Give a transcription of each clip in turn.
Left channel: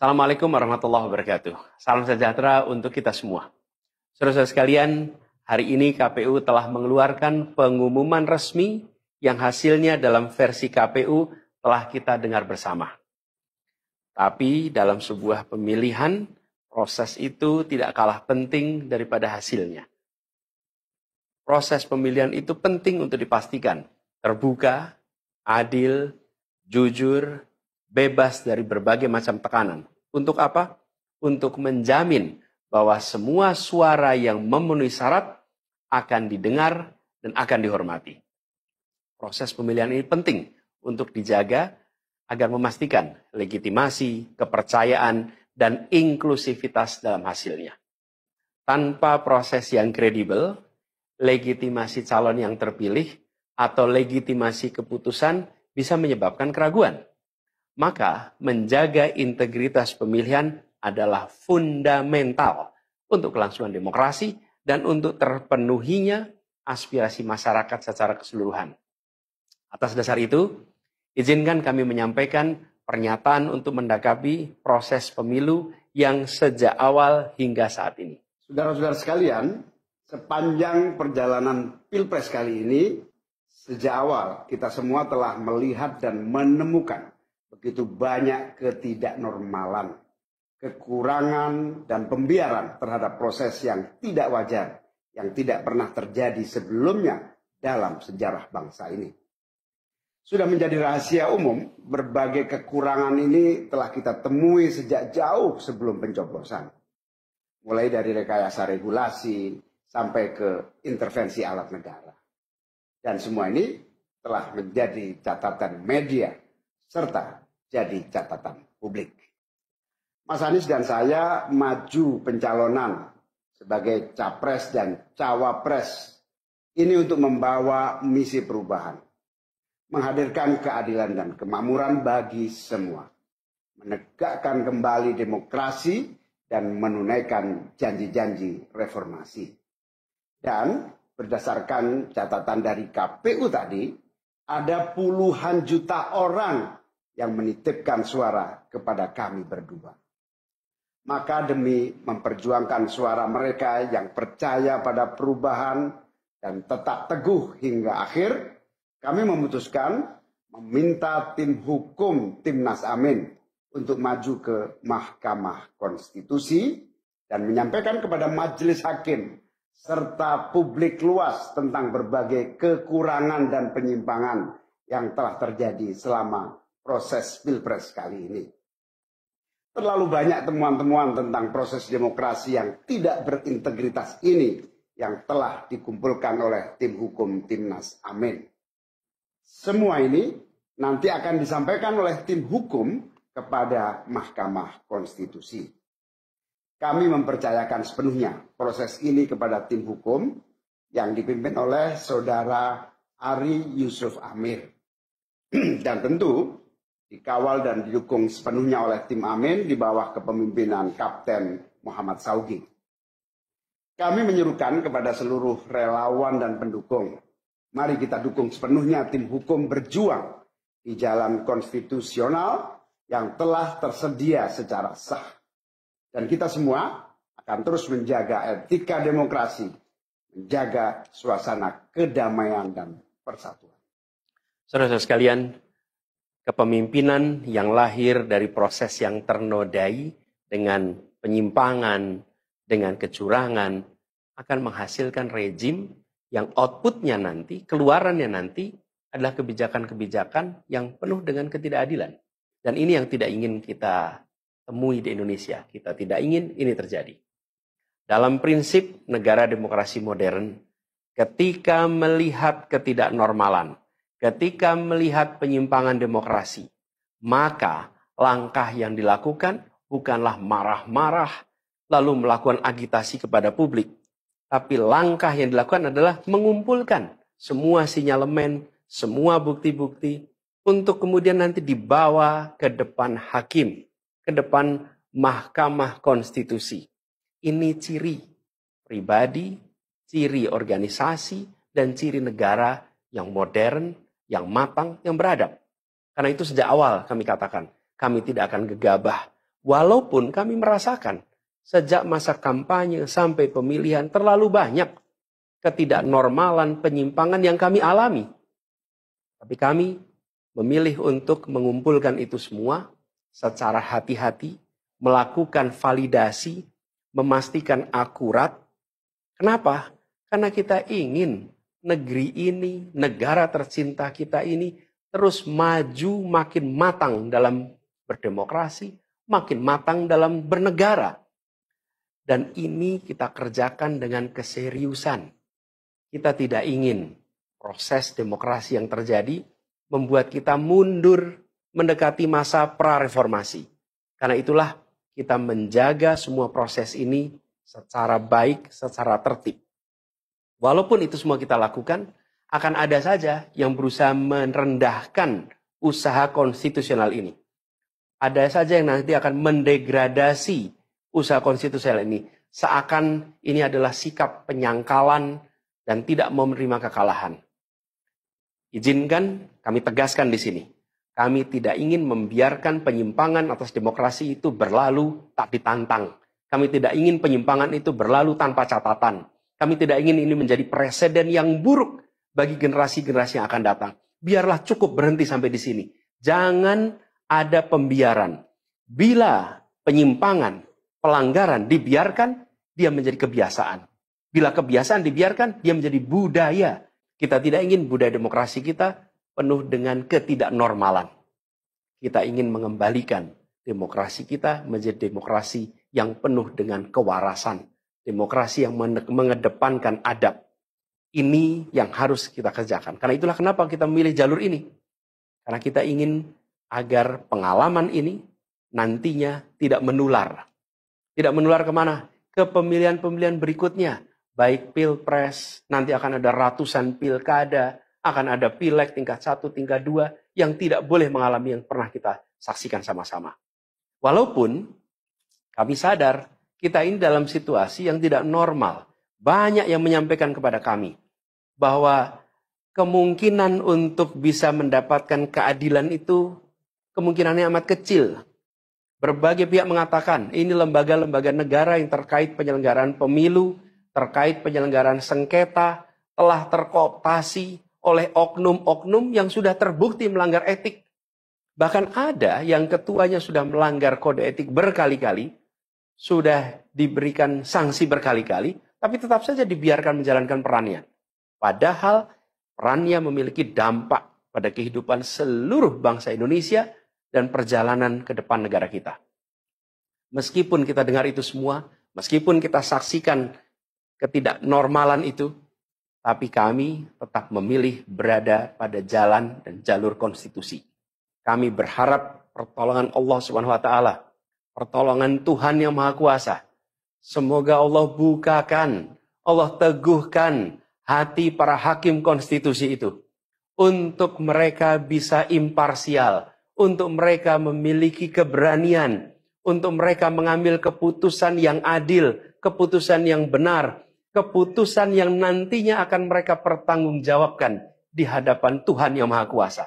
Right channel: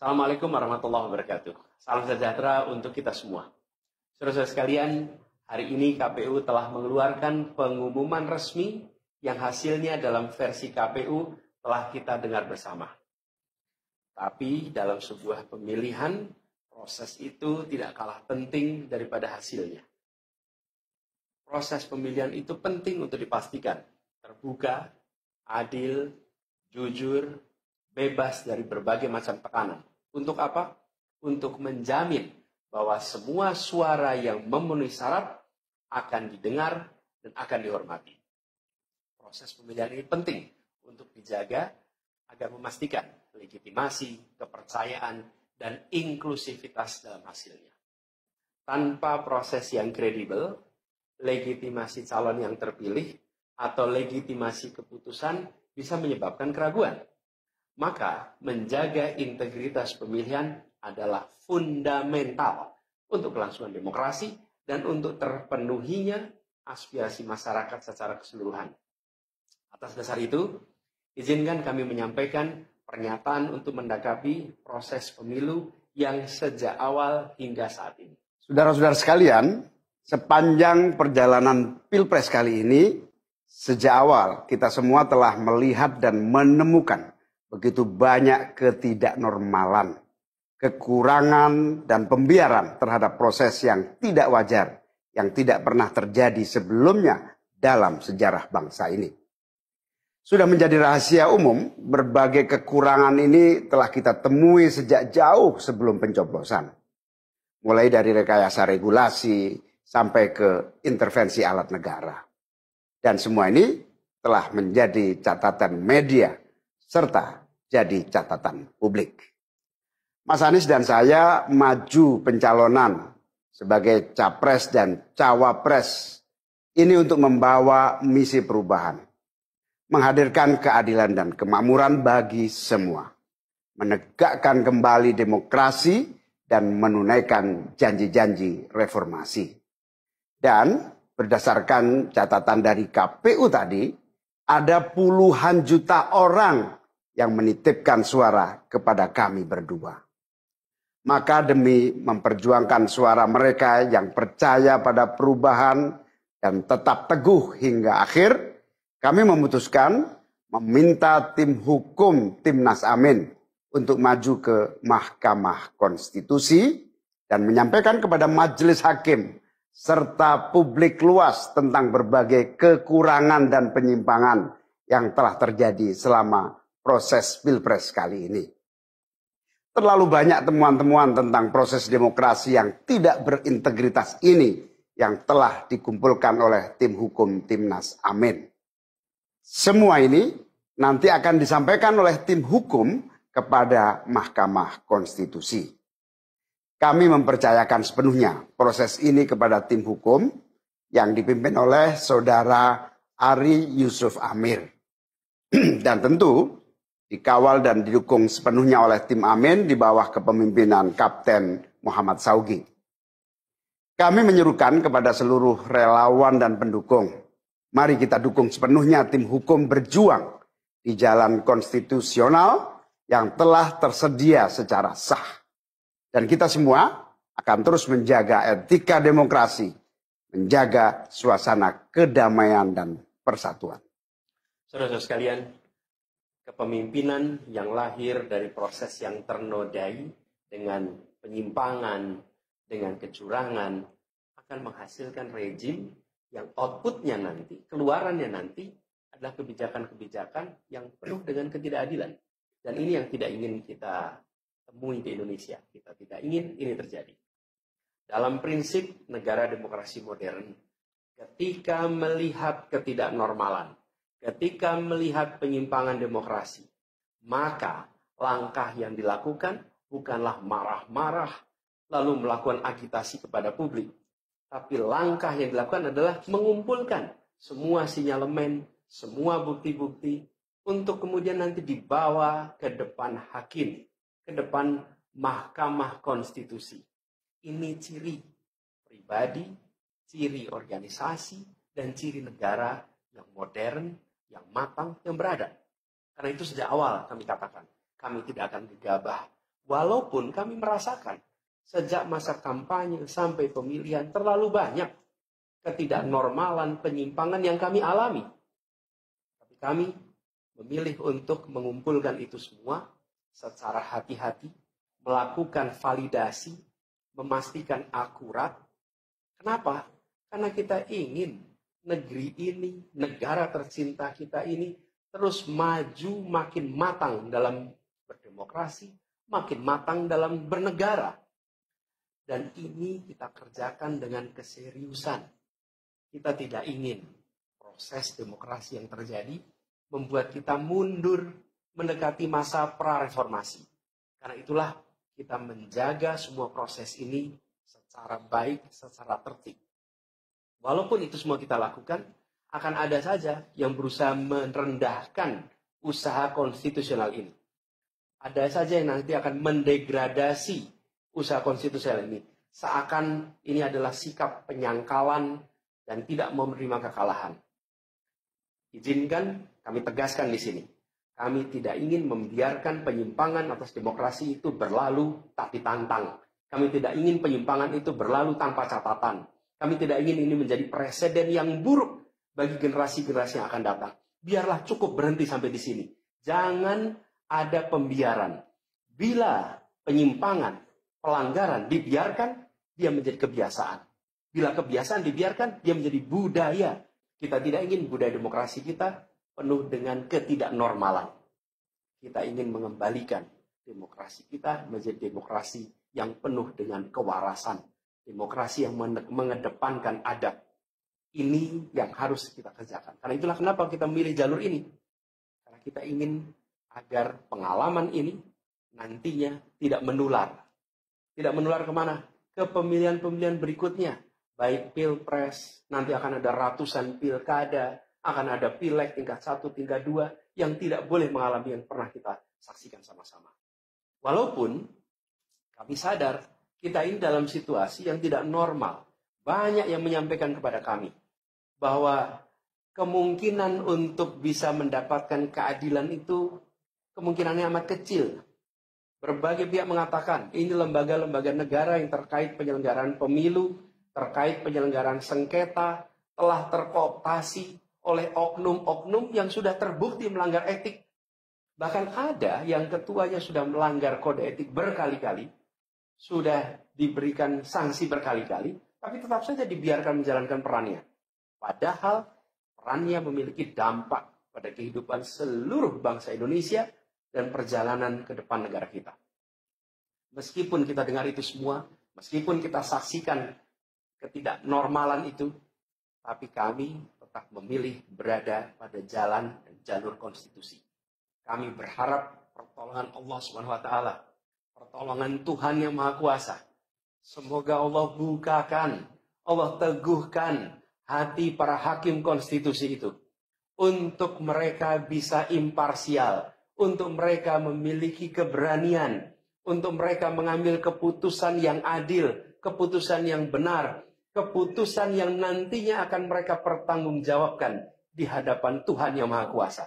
Assalamualaikum warahmatullahi wabarakatuh. Salam sejahtera untuk kita semua. Saudara-saudara sekalian, hari ini KPU telah mengeluarkan pengumuman resmi yang hasilnya dalam versi KPU telah kita dengar bersama. Tapi dalam sebuah pemilihan, proses itu tidak kalah penting daripada hasilnya. Proses pemilihan itu penting untuk dipastikan terbuka, adil, jujur, bebas dari berbagai macam tekanan. Untuk apa? Untuk menjamin bahwa semua suara yang memenuhi syarat akan didengar dan akan dihormati. Proses pemilihan ini penting untuk dijaga agar memastikan legitimasi, kepercayaan, dan inklusivitas dalam hasilnya. Tanpa proses yang kredibel, legitimasi calon yang terpilih atau legitimasi keputusan bisa menyebabkan keraguan. Maka menjaga integritas pemilihan adalah fundamental untuk kelangsungan demokrasi dan untuk terpenuhinya aspirasi masyarakat secara keseluruhan. Atas dasar itu, izinkan kami menyampaikan pernyataan untuk mendakapi proses pemilu yang sejak awal hingga saat ini. Saudara-saudara sekalian, sepanjang perjalanan Pilpres kali ini, sejak awal kita semua telah melihat dan menemukan begitu banyak ketidaknormalan, kekurangan, dan pembiaran terhadap proses yang tidak wajar, yang tidak pernah terjadi sebelumnya dalam sejarah bangsa ini. Sudah menjadi rahasia umum, berbagai kekurangan ini telah kita temui sejak jauh sebelum pencoblosan. Mulai dari rekayasa regulasi sampai ke intervensi alat negara. Dan semua ini telah menjadi catatan media serta jadi catatan publik. Mas Anies dan saya maju pencalonan sebagai capres dan cawapres ini untuk membawa misi perubahan, menghadirkan keadilan dan kemakmuran bagi semua, menegakkan kembali demokrasi dan menunaikan janji-janji reformasi. Dan berdasarkan catatan dari KPU tadi, ada puluhan juta orang yang menitipkan suara kepada kami berdua. Maka demi memperjuangkan suara mereka yang percaya pada perubahan dan tetap teguh hingga akhir, kami memutuskan meminta tim hukum Timnas Amin untuk maju ke Mahkamah Konstitusi dan menyampaikan kepada majelis hakim serta publik luas tentang berbagai kekurangan dan penyimpangan yang telah terjadi selama proses Pilpres kali ini. Terlalu banyak temuan-temuan tentang proses demokrasi yang tidak berintegritas ini yang telah dikumpulkan oleh tim hukum Timnas Amin. Semua ini nanti akan disampaikan oleh tim hukum kepada Mahkamah Konstitusi. Kami mempercayakan sepenuhnya proses ini kepada tim hukum yang dipimpin oleh Saudara Ari Yusuf Amir. Dan tentu dikawal dan didukung sepenuhnya oleh tim Amin di bawah kepemimpinan Kapten Muhammad Saugi. Kami menyerukan kepada seluruh relawan dan pendukung, mari kita dukung sepenuhnya tim hukum berjuang di jalan konstitusional yang telah tersedia secara sah. Dan kita semua akan terus menjaga etika demokrasi, menjaga suasana kedamaian dan persatuan. Saudara-saudara sekalian, kepemimpinan yang lahir dari proses yang ternodai dengan penyimpangan, dengan kecurangan, akan menghasilkan rejim yang outputnya nanti, keluarannya nanti adalah kebijakan-kebijakan yang penuh dengan ketidakadilan. Dan ini yang tidak ingin kita temui di Indonesia. Kita tidak ingin ini terjadi. Dalam prinsip negara demokrasi modern, ketika melihat ketidaknormalan, ketika melihat penyimpangan demokrasi, maka langkah yang dilakukan bukanlah marah-marah lalu melakukan agitasi kepada publik. Tapi langkah yang dilakukan adalah mengumpulkan semua sinyalemen, semua bukti-bukti untuk kemudian nanti dibawa ke depan hakim, ke depan Mahkamah Konstitusi. Ini ciri pribadi, ciri organisasi, dan ciri negara yang modern, yang matang, yang beradab. Karena itu sejak awal kami katakan, kami tidak akan gegabah Walaupun kami merasakan sejak masa kampanye sampai pemilihan terlalu banyak ketidaknormalan, penyimpangan yang kami alami. Tapi kami memilih untuk mengumpulkan itu semua secara hati-hati, melakukan validasi, memastikan akurat. Kenapa? Karena kita ingin negeri ini, negara tercinta kita ini terus maju makin matang dalam berdemokrasi, makin matang dalam bernegara. Dan ini kita kerjakan dengan keseriusan. Kita tidak ingin proses demokrasi yang terjadi membuat kita mundur mendekati masa prareformasi. Karena itulah kita menjaga semua proses ini secara baik, secara tertib. Walaupun itu semua kita lakukan, akan ada saja yang berusaha merendahkan usaha konstitusional ini. Ada saja yang nanti akan mendegradasi usaha konstitusional ini. Seakan ini adalah sikap penyangkalan dan tidak mau menerima kekalahan. Izinkan kami tegaskan di sini. Kami tidak ingin membiarkan penyimpangan atas demokrasi itu berlalu tak ditantang. Kami tidak ingin penyimpangan itu berlalu tanpa catatan. Kami tidak ingin ini menjadi presiden yang buruk bagi generasi-generasi yang akan datang. Biarlah cukup berhenti sampai di sini. Jangan ada pembiaran. Bila penyimpangan, pelanggaran dibiarkan, dia menjadi kebiasaan. Bila kebiasaan dibiarkan, dia menjadi budaya. Kita tidak ingin budaya demokrasi kita penuh dengan ketidaknormalan. Kita ingin mengembalikan demokrasi kita menjadi demokrasi yang penuh dengan kewarasan. Demokrasi yang mengedepankan adab. Ini yang harus kita kerjakan. Karena itulah kenapa kita memilih jalur ini. Karena kita ingin agar pengalaman ini nantinya tidak menular. Tidak menular kemana? Ke pemilihan-pemilihan berikutnya. Baik pilpres, nanti akan ada ratusan pilkada, akan ada pileg tingkat 1, tingkat 2, yang tidak boleh mengalami yang pernah kita saksikan sama-sama. Walaupun kami sadar, kita ini dalam situasi yang tidak normal. Banyak yang menyampaikan kepada kami bahwa kemungkinan untuk bisa mendapatkan keadilan itu kemungkinannya amat kecil. Berbagai pihak mengatakan ini lembaga-lembaga negara yang terkait penyelenggaraan pemilu, terkait penyelenggaraan sengketa, telah terkooptasi oleh oknum-oknum yang sudah terbukti melanggar etik. Bahkan ada yang ketuanya sudah melanggar kode etik berkali-kali, sudah diberikan sanksi berkali-kali, tapi tetap saja dibiarkan menjalankan perannya. Padahal perannya memiliki dampak pada kehidupan seluruh bangsa Indonesia dan perjalanan ke depan negara kita. Meskipun kita dengar itu semua, meskipun kita saksikan ketidaknormalan itu, tapi kami tetap memilih berada pada jalan dan jalur konstitusi. Kami berharap pertolongan Allah Subhanahu wa taala, pertolongan Tuhan yang Maha Kuasa. Semoga Allah bukakan, Allah teguhkan hati para hakim konstitusi itu. Untuk mereka bisa imparsial, untuk mereka memiliki keberanian, untuk mereka mengambil keputusan yang adil, keputusan yang benar, keputusan yang nantinya akan mereka pertanggungjawabkan di hadapan Tuhan yang Maha Kuasa.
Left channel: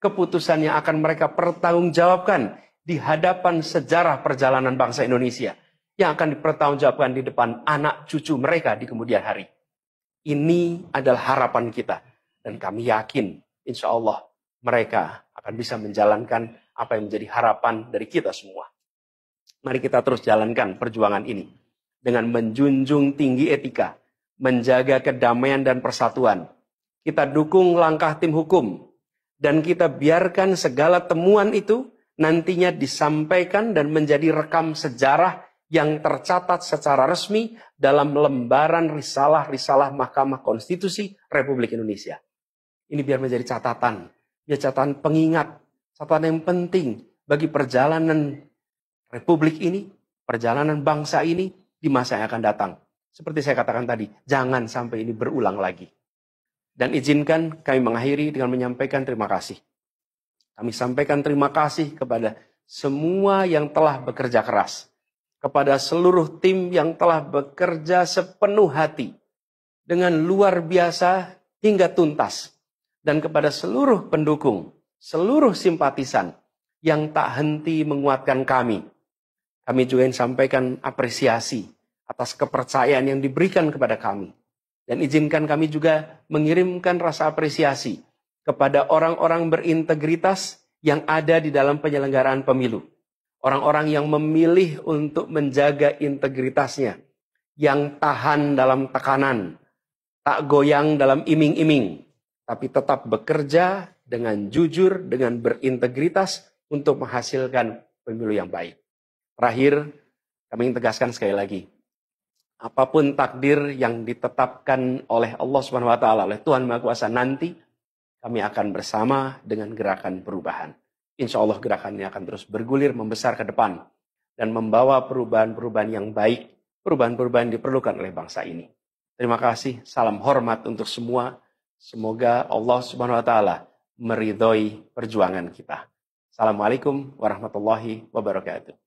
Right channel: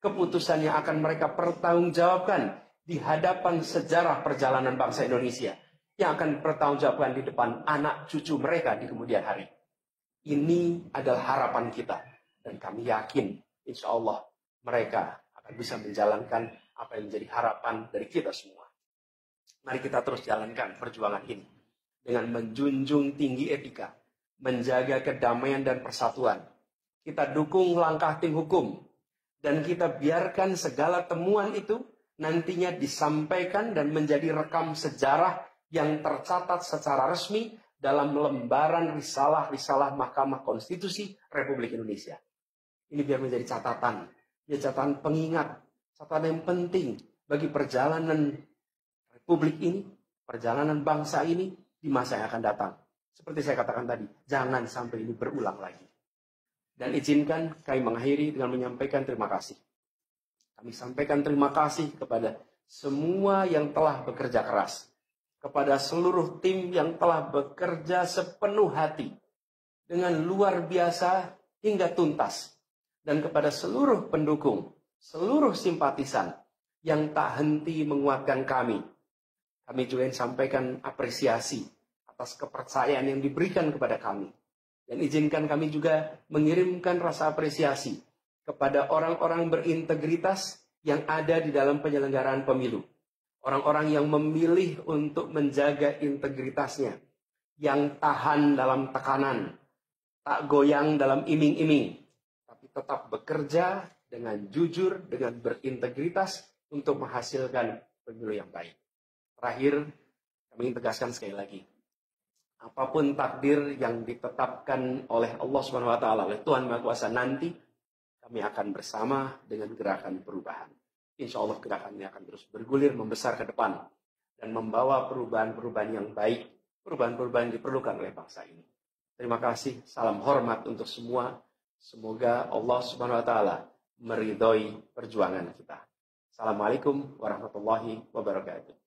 Keputusan yang akan mereka pertanggungjawabkan di hadapan sejarah perjalanan bangsa Indonesia, yang akan dipertanggungjawabkan di depan anak cucu mereka di kemudian hari. Ini adalah harapan kita. Dan kami yakin, insya Allah, mereka akan bisa menjalankan apa yang menjadi harapan dari kita semua. Mari kita terus jalankan perjuangan ini. Dengan menjunjung tinggi etika, menjaga kedamaian dan persatuan. Kita dukung langkah tim hukum. Dan kita biarkan segala temuan itu nantinya disampaikan dan menjadi rekam sejarah yang tercatat secara resmi dalam lembaran risalah-risalah Mahkamah Konstitusi Republik Indonesia. Ini biar menjadi catatan, ya catatan pengingat, catatan yang penting bagi perjalanan Republik ini, perjalanan bangsa ini di masa yang akan datang. Seperti saya katakan tadi, jangan sampai ini berulang lagi. Dan izinkan kami mengakhiri dengan menyampaikan terima kasih. Kami sampaikan terima kasih kepada semua yang telah bekerja keras. Kepada seluruh tim yang telah bekerja sepenuh hati. Dengan luar biasa hingga tuntas. Dan kepada seluruh pendukung, seluruh simpatisan yang tak henti menguatkan kami Kami juga ingin sampaikan apresiasi atas kepercayaan yang diberikan kepada kami. Dan izinkan kami juga mengirimkan rasa apresiasi kepada orang-orang berintegritas yang ada di dalam penyelenggaraan pemilu. Orang-orang yang memilih untuk menjaga integritasnya, yang tahan dalam tekanan, tak goyang dalam iming-iming, tapi tetap bekerja dengan jujur, dengan berintegritas untuk menghasilkan pemilu yang baik. Terakhir, kami ingin tegaskan sekali lagi, apapun takdir yang ditetapkan oleh Allah Subhanahu wa taala, oleh Tuhan Maha Kuasa nanti, kami akan bersama dengan gerakan perubahan. Insya Allah gerakan ini akan terus bergulir, membesar ke depan, dan membawa perubahan-perubahan yang baik, perubahan-perubahan yang diperlukan oleh bangsa ini. Terima kasih, salam hormat untuk semua. Semoga Allah Subhanahu wa taala meridhoi perjuangan kita. Assalamualaikum warahmatullahi wabarakatuh.